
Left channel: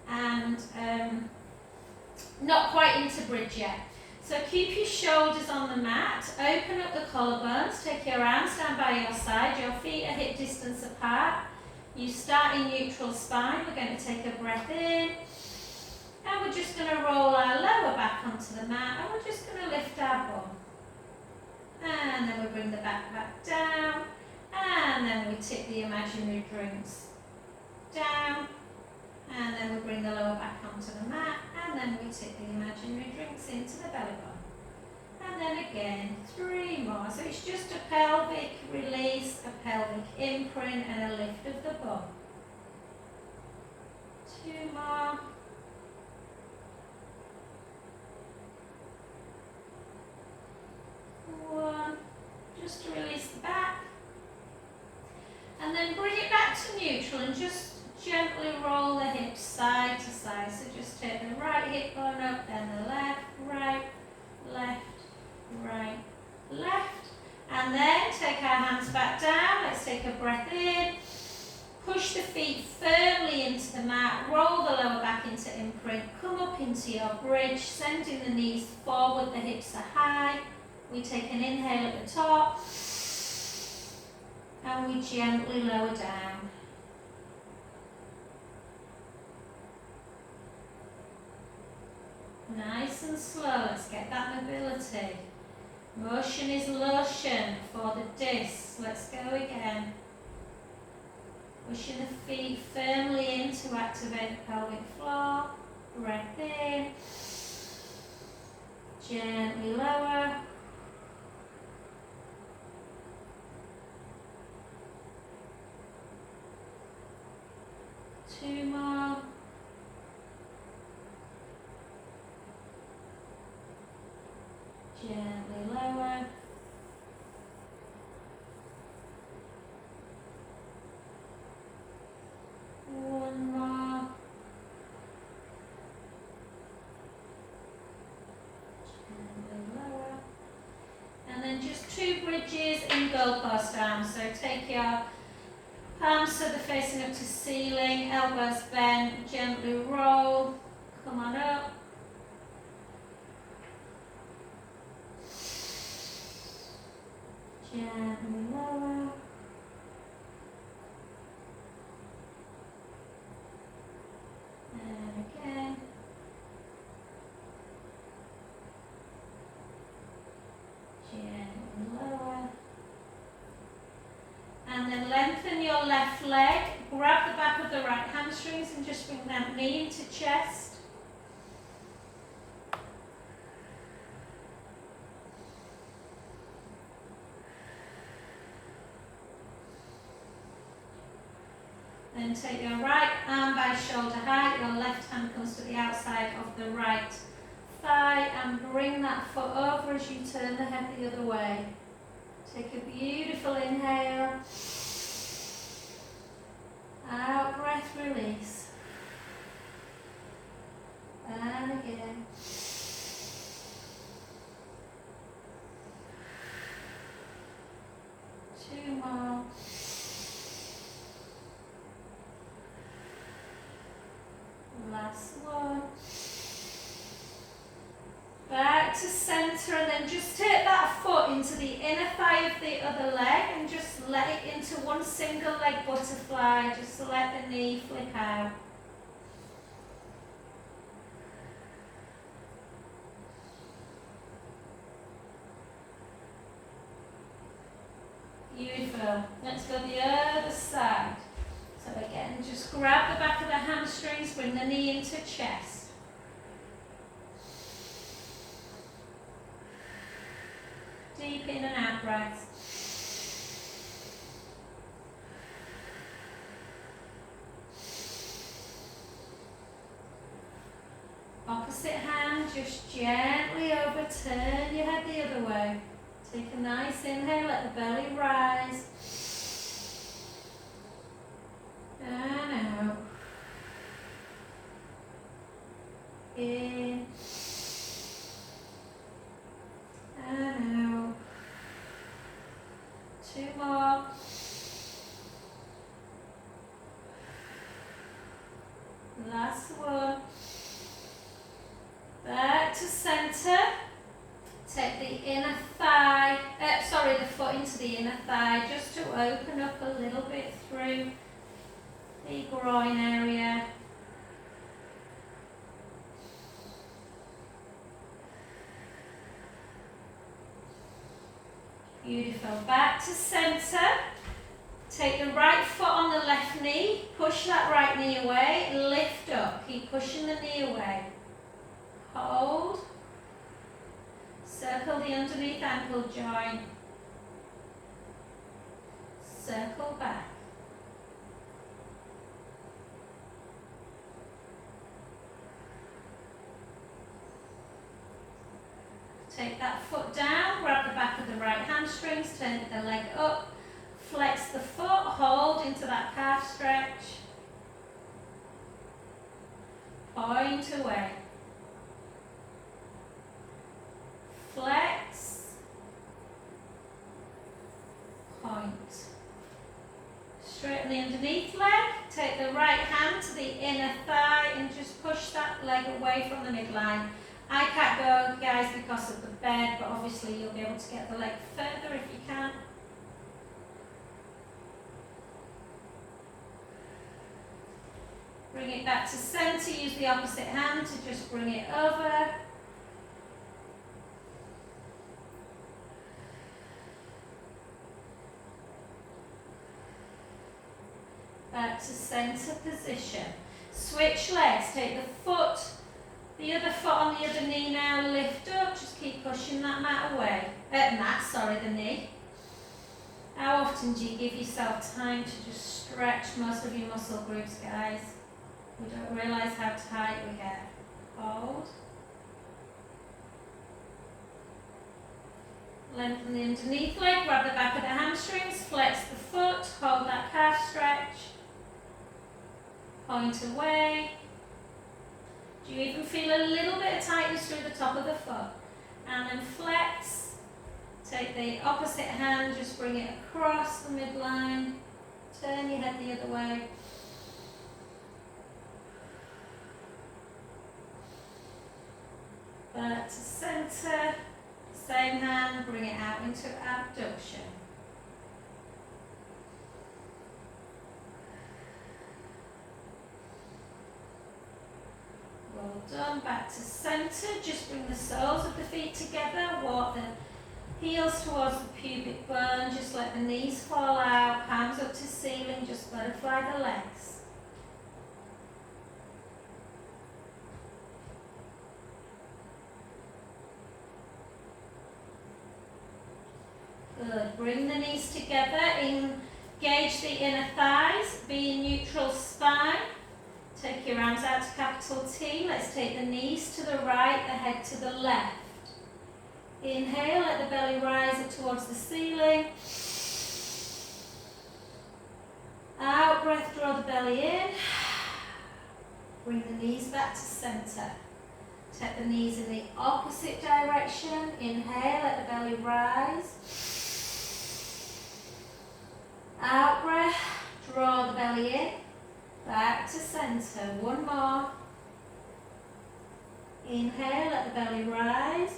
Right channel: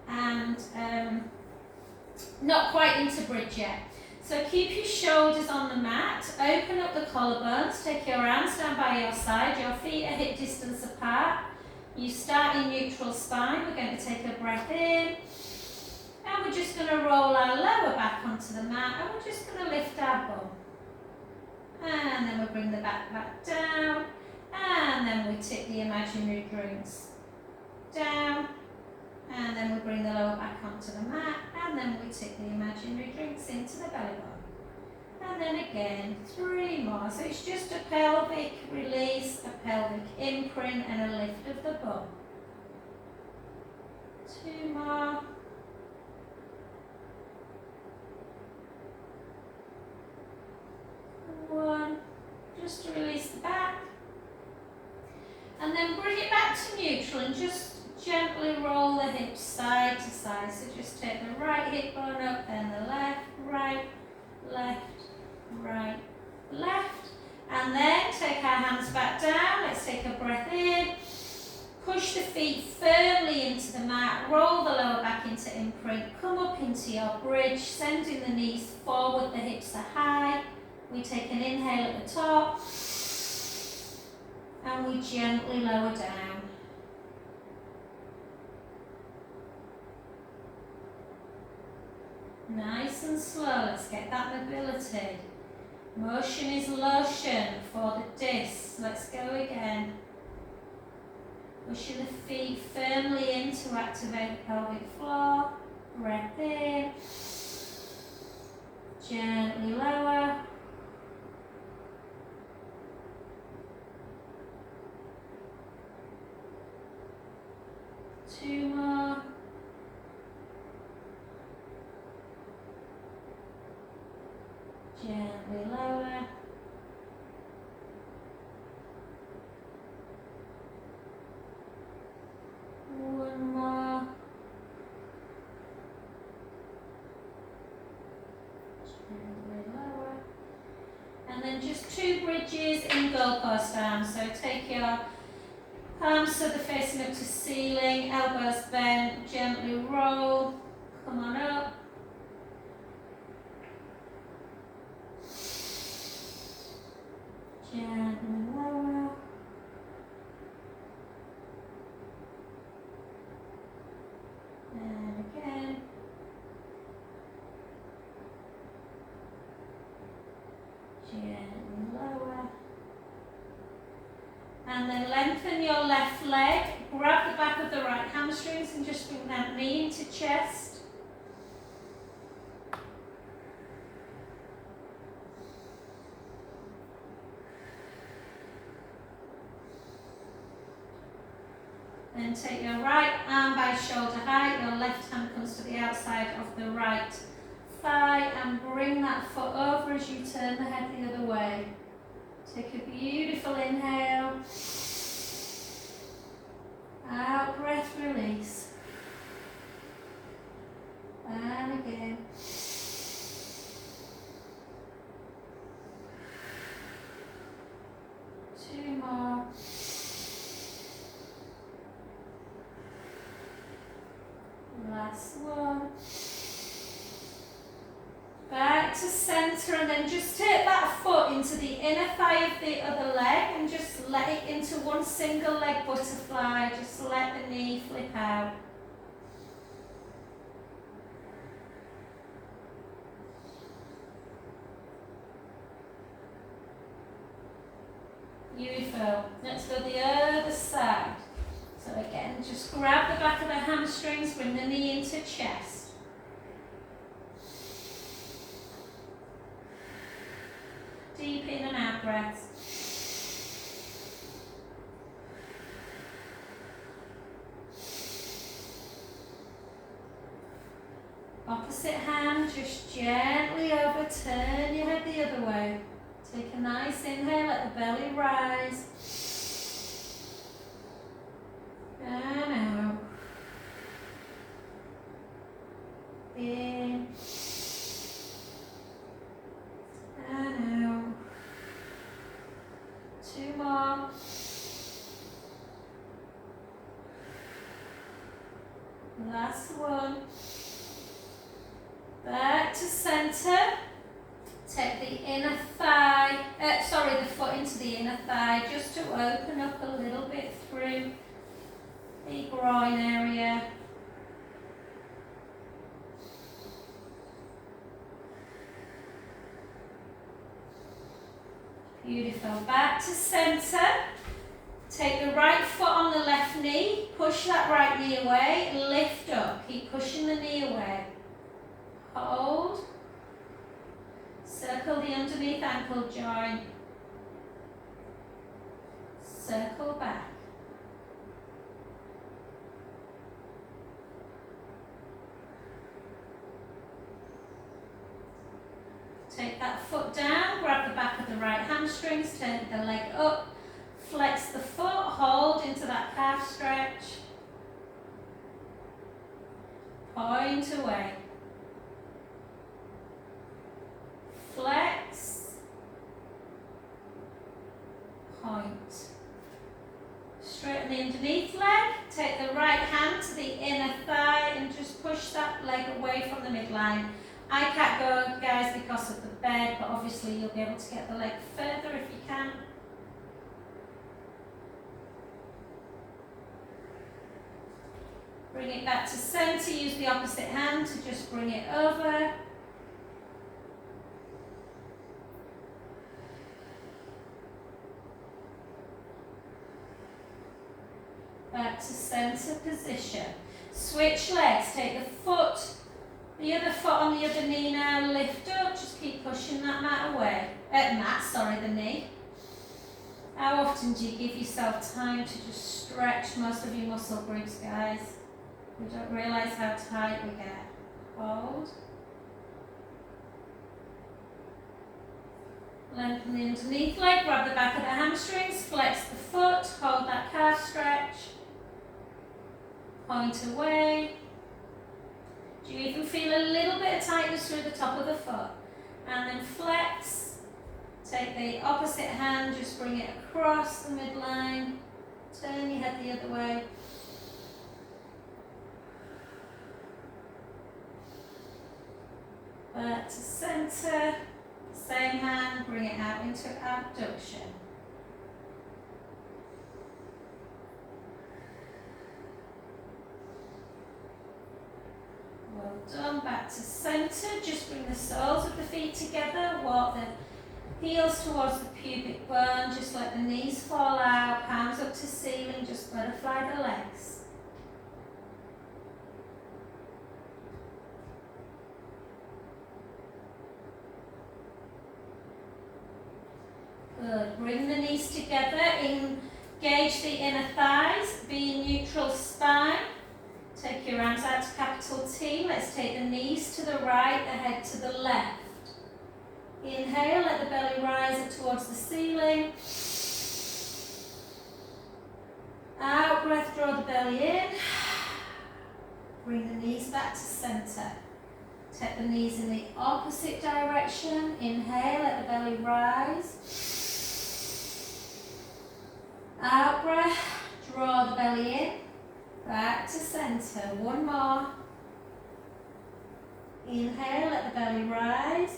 and not quite into bridge yet. So keep your shoulders on the mat, open up the collarbones, take your arms down by your side, your feet are hip distance apart. You start in neutral spine. We're going to take a breath in. And we're just going to roll our lower back onto the mat and we're just going to lift our bum. And then we bring the back down, and then we tip the imaginary drinks down, and then we bring the lower back onto the mat, and then we tip the imaginary drinks into the belly button. And then again, 3 more. So it's just a pelvic release, a pelvic imprint, and a lift of the bum. 2 more. One, just to release the back, and then bring it back to neutral and just gently roll the hips side to side. So just take the right hip bone up, then the left, right, left, and then take our hands back down. Let's take a breath in, push the feet firmly into the mat, roll the lower back into imprint, come up into your bridge, sending the knees forward, the hips are high. We take an inhale at the top and we gently lower down. Nice and slow, let's get that mobility. Motion is lotion for the discs. Let's go again. Pushing the feet firmly in to activate the pelvic floor. Breath in. Gently lower. Two more. Gently lower. closed arms. So take your palms so they're facing up to ceiling, elbows bent, gently roll, come on up. Gently lower. And again. Gently lower. And then lengthen your left leg, grab the back of the right hamstrings and just bring that knee into chest. Then take your right arm by shoulder height, your left hand comes to the outside of the right thigh and bring that foot over as you turn the head the other way. Take a beautiful inhale. Out breath, release. And again. Two more. Last one. Back to centre and then just take that foot into the inner thigh of the other leg and just let it into one single leg butterfly. Just let the knee flip out. Beautiful. Let's go the other side. So again, just grab the back of the hamstrings, bring the knee into chest. Deep in and out breaths. Opposite hand, just gently overturn your head the other way. Take a nice inhale, let the belly rise. And out. In. And out. Two more. Last one. Back to centre. Take the inner thigh, the foot into the inner thigh just to open up a little bit through the groin area. Beautiful. Back to centre. Take the right foot on the left knee. Push that right knee away. Lift up. Keep pushing the knee away. Hold. Circle the underneath ankle joint. Circle back. Take that foot down, grab the back of the right hamstrings, turn the leg up, flex the foot, hold into that calf stretch. Point away. Flex. Point. Straighten the underneath leg, take the right hand to the inner thigh and just push that leg away from the midline. I can't go, guys, because of the bed, but obviously you'll be able to get the leg further if you can. Bring it back to centre, use the opposite hand to just bring it over. Back to centre position. Switch legs, take the other foot on the other knee now, lift up, just keep pushing that the knee. How often do you give yourself time to just stretch most of your muscle groups, guys? We don't realise how tight we get. Hold. Lengthen the underneath leg, grab the back of the hamstrings, flex the foot, hold that calf stretch. Point away. Do you even feel a little bit of tightness through the top of the foot? And then flex. Take the opposite hand, just bring it across the midline. Turn your head the other way. Back to centre. Same hand, bring it out into abduction. Well done. Back to centre. Just bring the soles of the feet together. Walk the heels towards the pubic bone. Just let the knees fall out. Palms up to ceiling. Just butterfly the legs. Good. Bring the knees together. Engage the inner thighs. Be in neutral spine. Take your arms out to capital T. Let's take the knees to the right, the head to the left. Inhale, let the belly rise up towards the ceiling. Out breath, draw the belly in. Bring the knees back to centre. Take the knees in the opposite direction. Inhale, let the belly rise. Out breath, draw the belly in. Back to centre. One more. Inhale, let the belly rise.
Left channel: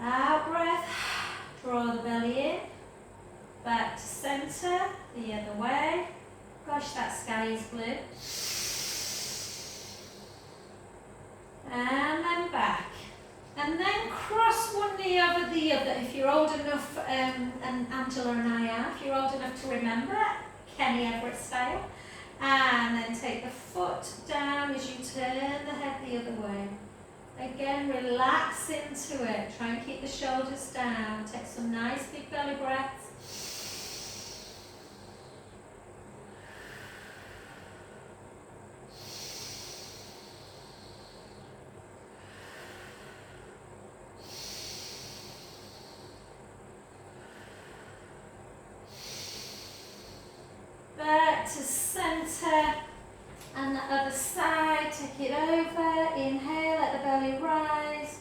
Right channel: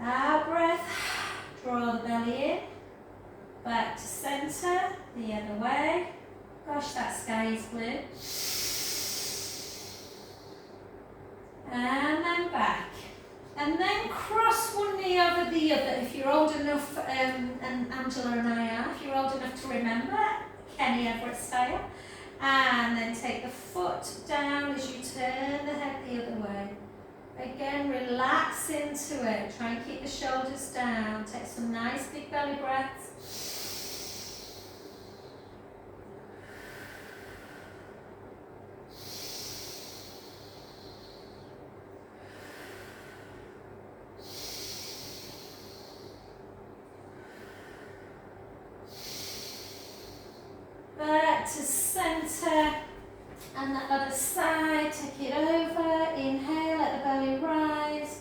Out breath, draw the belly in. Back to centre, the other way. Gosh, that sky is blue. And then back. And then cross one knee over the other. If you're old enough, and Angela and I are, if you're old enough to remember, Kenny Everett style. And then take the foot down as you turn the head the other way. Again, relax into it. Try and keep the shoulders down. Take some nice big belly breaths. Back to centre, and the other side, take it over. Inhale, let the belly rise.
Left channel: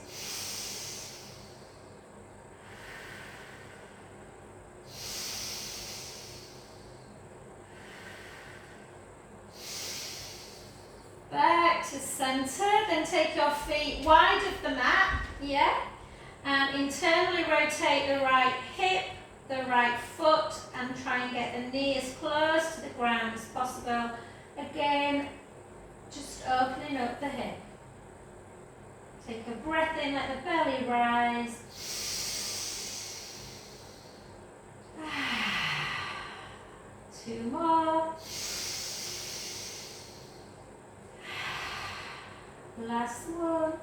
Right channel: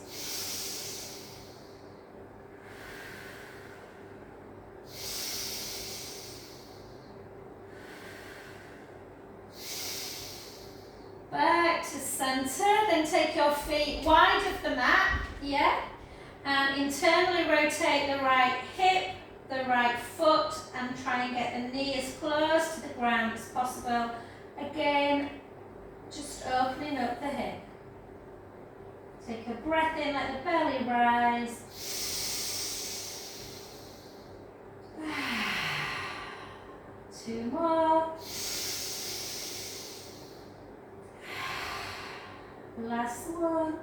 Back to centre, then take your feet wide of the mat, and internally rotate the right hip, the right foot, and try and get the knee as close to the ground as possible. Again, just opening up the hip. Take a breath in, let the belly rise. Two more. Last one.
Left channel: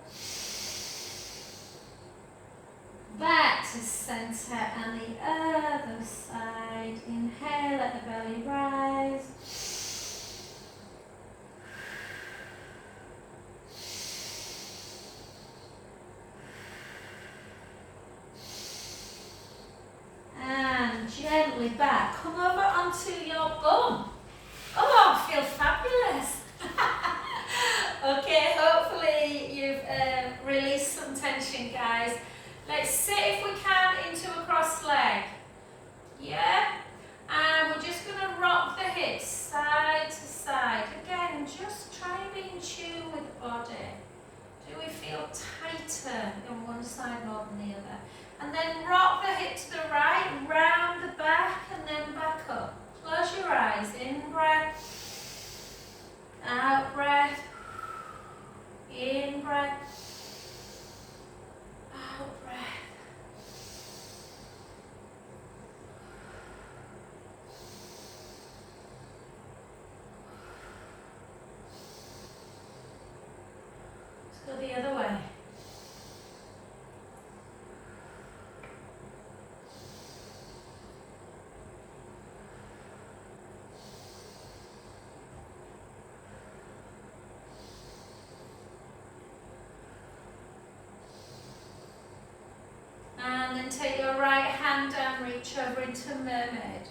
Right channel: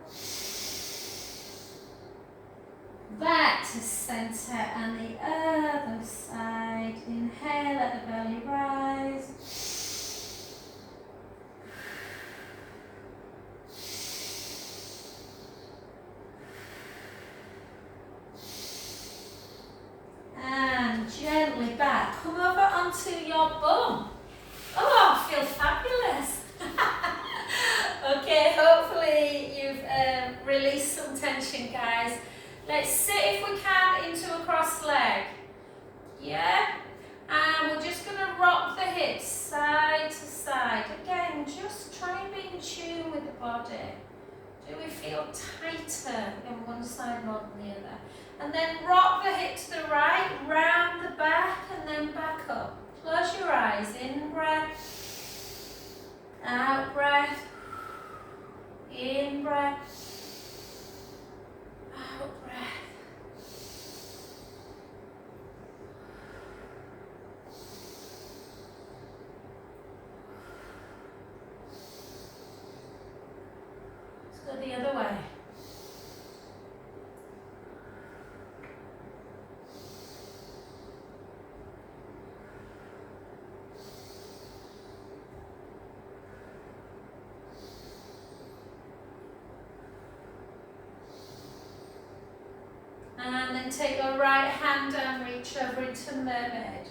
Back to centre and the other side. Inhale, let the belly rise. And gently back. Come over onto your bum. Oh, I feel fabulous. Okay, hopefully you've released some tension, guys. Let's sit, if we can, into a cross leg. Yeah? And we're just going to rock the hips side to side. Again, just try and be in tune with the body. Do we feel tighter on one side more than the other? And then rock the hip to the right, round the back, and then back up. Close your eyes. In breath. Out breath. In breath. Out breath. Let's go the other way. And then take your right hand down, reach over into mermaid.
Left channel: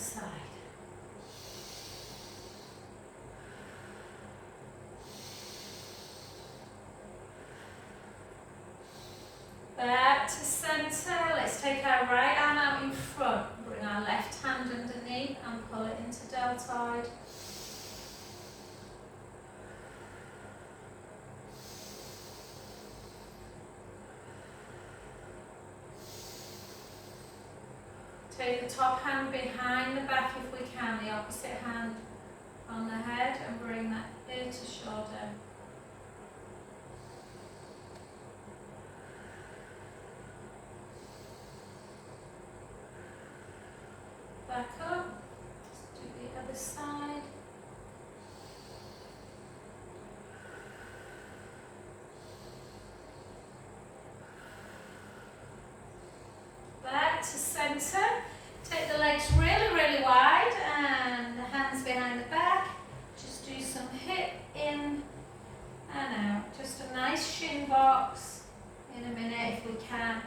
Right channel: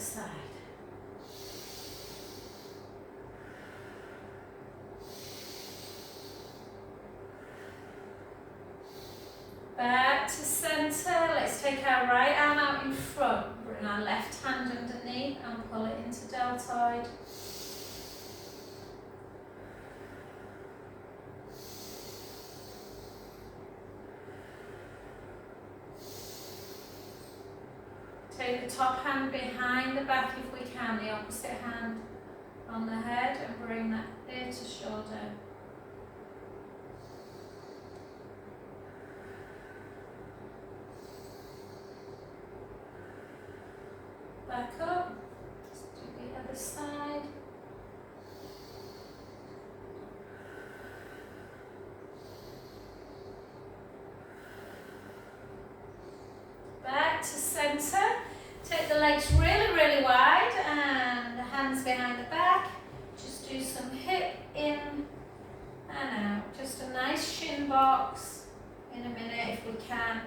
side. Back to centre. Let's take our right arm out in front. Bring our left hand underneath and pull it into deltoid. Take the top hand behind the back if we can, the opposite hand on the head, and bring that ear to shoulder. Back up. Let's do the other side. Back to centre. Take the legs really, really wide and the hands behind the back. Just do some hip in and out. Just a nice shin box in a minute if we can.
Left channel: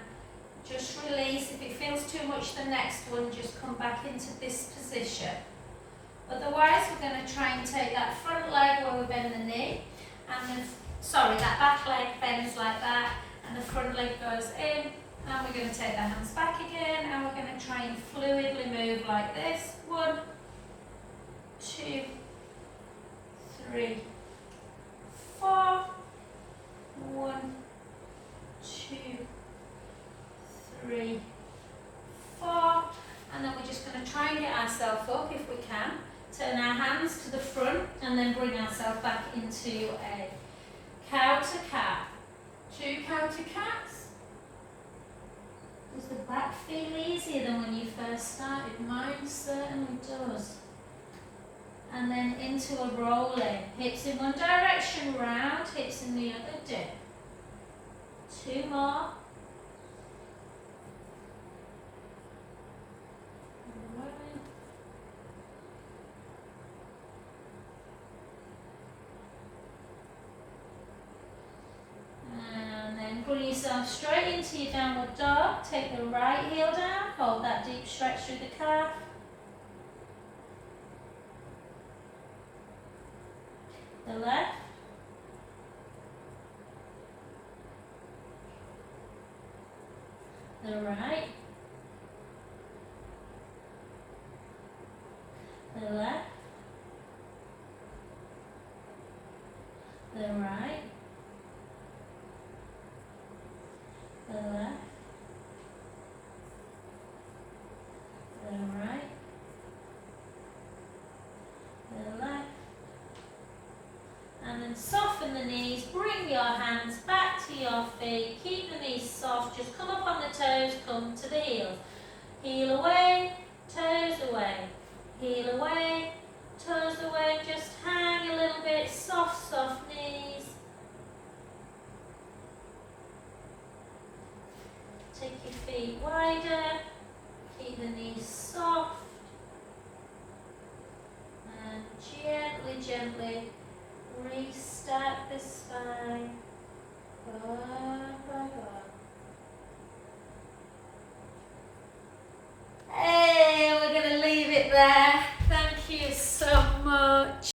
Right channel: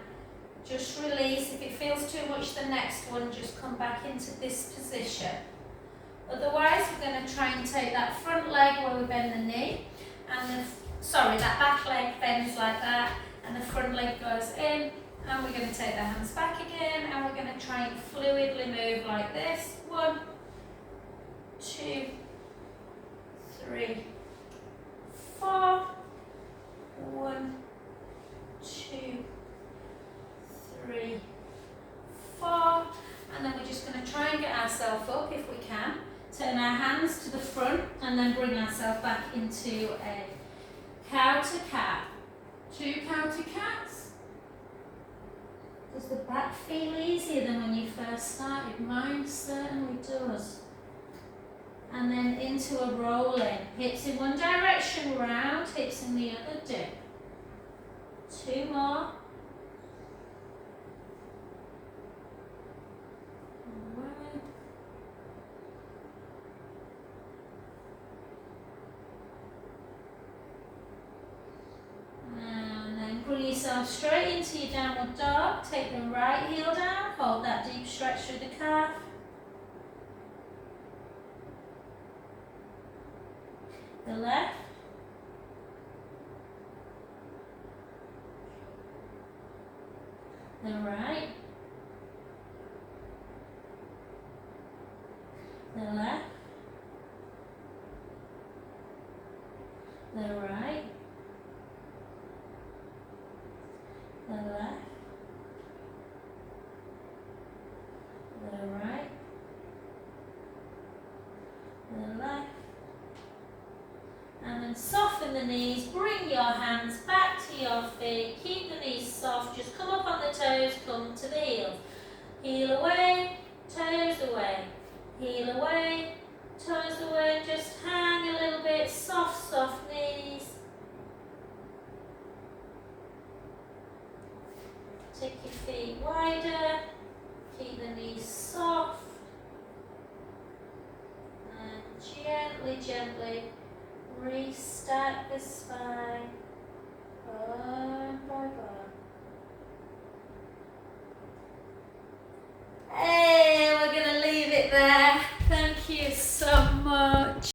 Just release. If it feels too much, the next one, just come back into this position. Otherwise, we're going to try and take that front leg where we bend the knee, and that back leg bends like that, and the front leg goes in. And we're going to take the hands back again, and we're going to try and fluidly move like this. 1, 2, 3, 4. 1, 2, 3, 4. And then we're just going to try and get ourselves up if we can. Turn our hands to the front, and then bring ourselves back into a cow to cat. 2 cow to cats. Does the back feel easier than when you first started? Mine certainly does. And then into a rolling. Hips in one direction, round, hips in the other, dip. 2 more. 1. And then bring yourself straight into your downward dog. Take the right heel down, hold that deep stretch through the calf. The left. The right. The left. The right. The left, the right, the left, and then soften the knees, bring your hands back to your feet, keep the knees soft, just come up on the toes, come to the heels, heel away, toes away, heel away, toes away, just hang a little bit, soft, soft knees. Take your feet wider, keep the knees soft, and gently, gently restart the spine.